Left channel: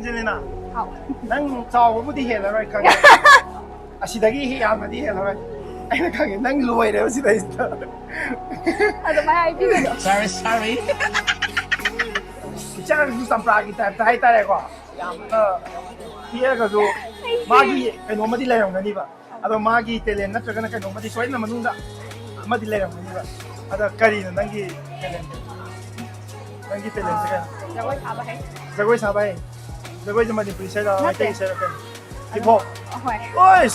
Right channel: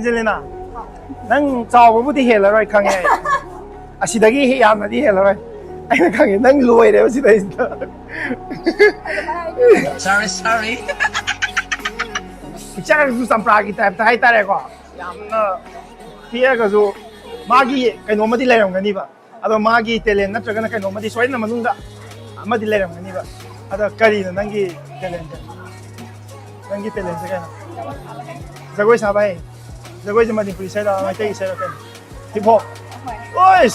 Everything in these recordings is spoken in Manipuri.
Angelina. Nang chao bu di he la roi khang ai. Asidagi he yam na di he la roi. Ai na khang nang loi de si dai. Sorry. Bicara su sampra ki type tai tai ko. Yam na pia ka su magi kai no ma di lai rong ni ba. Ado magi talent na traga na kai no ma di soi na manung da. Ma di lai rong ni ba. Ado kari na nangi talent. Nangi talent sa kana. Zagoi sabai. Zagoi sa Manipuri sa la mai tai sa la. Hip hop. Ois.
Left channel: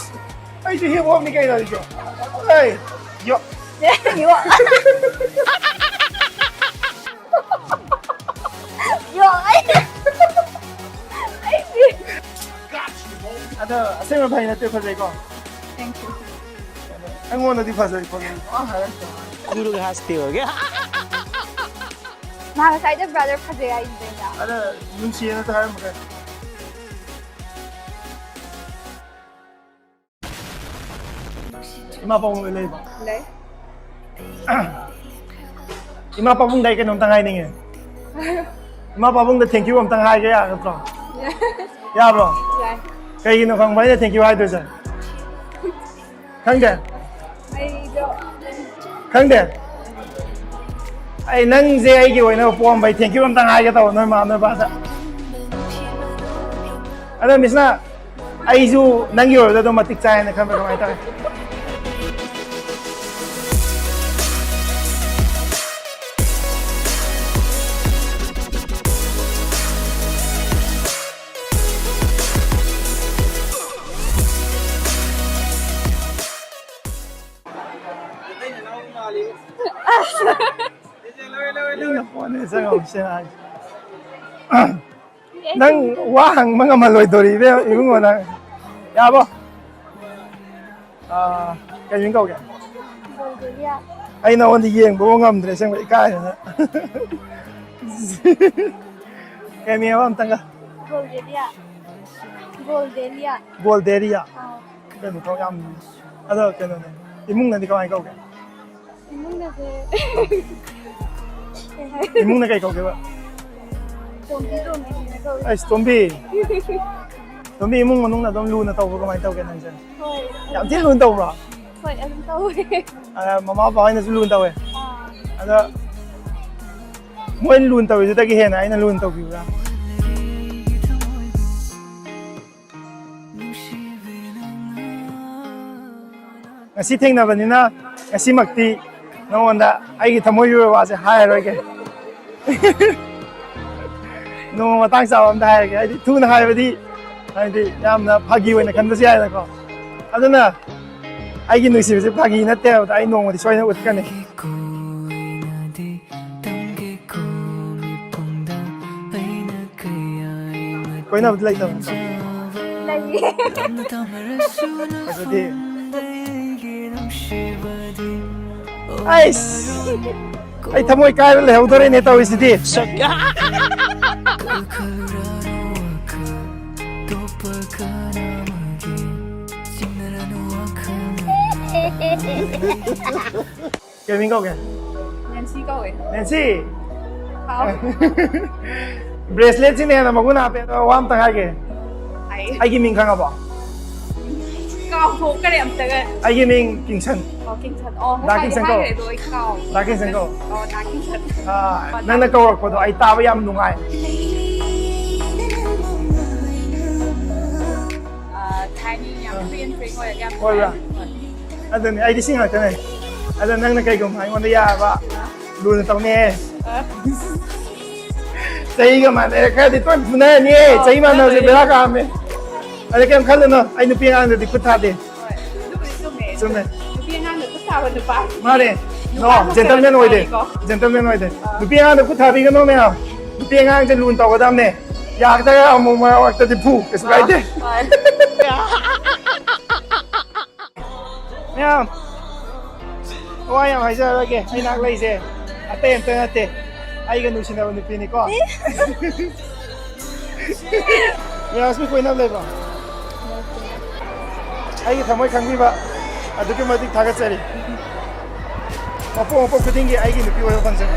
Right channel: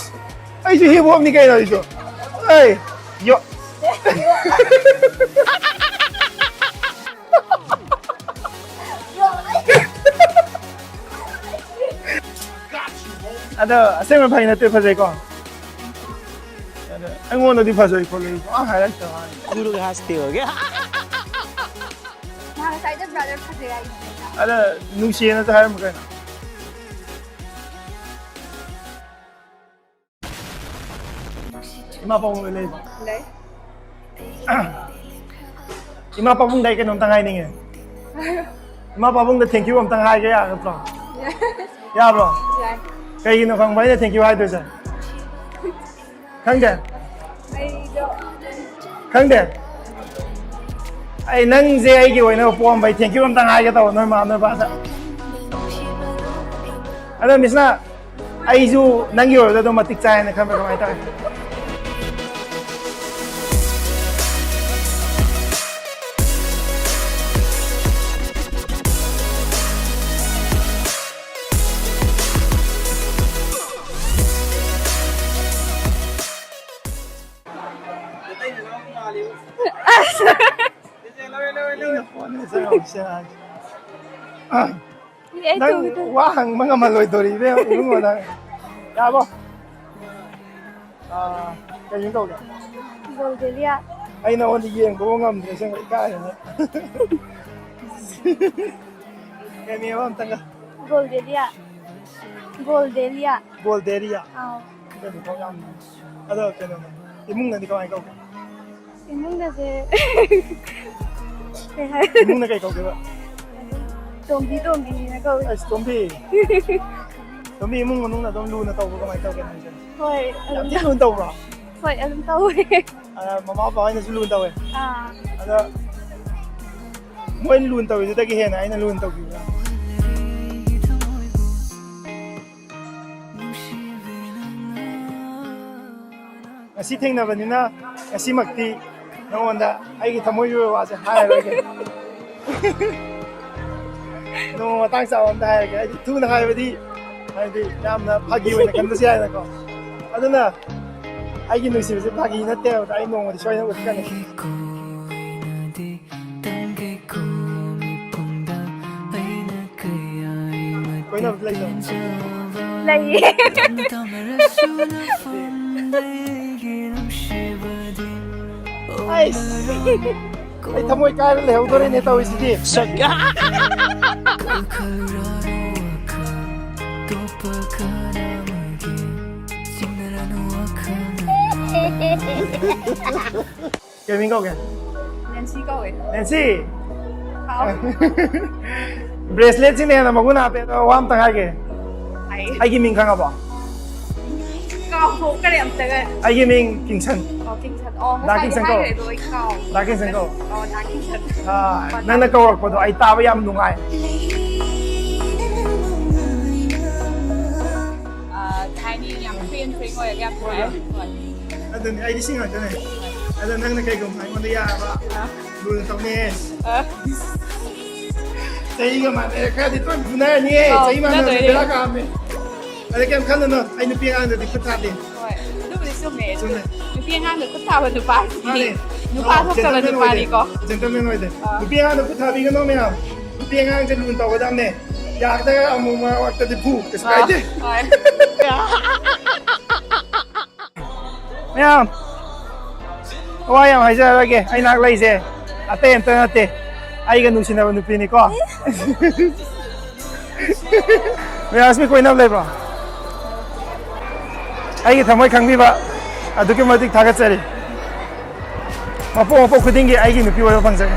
Ai si hip hop ni kai da ito. Ai. Yo. Yo. Ada, saya mau pakai nanti pasal kau. Aku mau nanti pasal kau. Hai lah. Guru के हंसते हो गया Nah, saya aja brother pasal ya ini. Ada, nusi na tayo mo kaya. Ima pa mong ilay ba? Ilay? Ima pa mong dahil ka nung tangay ninge. Ima pa mong thank you ang tangay kaya, bro. Yeah, bro. Yeah. Kaya gino kang bayan, thank you hai doon sir. Khangde? Khangde? Ay nang zay ay giway na upuan bay, thank you ang tangay ka tao, normal na basa. Ano, miss na, ay su nang yor na doon matiksayan na kami kamay tayo. Nang wahang mga maloy dori be yung mo nang yabo kayong kau ke Bulgaria. ay na wani yeng bo ngam dre sang bai kai na kaya mi am tanga Bulgaria. Bulgaria. Bolderia Ah. Jadi kau ngam ada kena imung na di kau ai kau Imong na si. imung na kay kau ke ba Tombi ni ko. ay zombie imung manung na dong lu na tau ko mai tau ke nan jan Hoy. yam ti lu tau ba Hoy, ang tao eh. mama pa ay na lu tau eh Ah. ada mo en lu tau ju ta ki he na ai na lu tau ki ba ngasi thing na bani na ngasi makti no onda ai ki ThaMoi yu wa se hai ro ke no matang sa on dai ke ai tu na hai ba di ai di yam na phagi oi na kan ba sia na ko aduna ai ki nusi se phagi na te ai no mo di soi na ut kan ni koi na lai no Lagi. ai ai ThaMoi kai le hau dore ne tau isi di cái mình câu kìa Nancy ko eh. Nancy How? bracelet sih nih nama gue nape wam tengah ke ai cái mình khang apa Cao phố cái điểm tới cái. ai cái mình kinh chân Kinh thật. Đá kinh sân cầu. Rồi cao. đá kinh sân câu Đá kinh thật. nang na câu ko do ai ta ba yam nungai Thái như nhắm phim thấy ngồi ở Ngồi à? Adun ai di sing ka ne adun nang na kay gum ai ngon ya ba lu na tau ne sai ga man ka di ton ne ni sai man na bela ka me ai kem khal na ai nu pi an di kutha de Lúc đi xuống này. sun ne Phía Nam được có vào được ba. ma ne no gentleman noi de gentleman noi de nu pi an kutha bi ga no me ha nu pi anจะluนตอดามneอยากได้เอามาว่าจะดิพูก็สบายdeเนี่ยโอ้ยยังไงจะอะไรกันไอ้นักไล่เสียอาเต้นเต้นอาเต้ไอ้กันนุ่งชินเอาหนุ่มปีนี่ก็เนี่ยอาสมีคนนับเลยป่ะไอ้กันทำไมKhngBiBaอะดูกี่มาติดทากัดเสร็จมาพบคุยดิ้งกี้ไอ้กันหนุ่มปีว่าฟังเสียง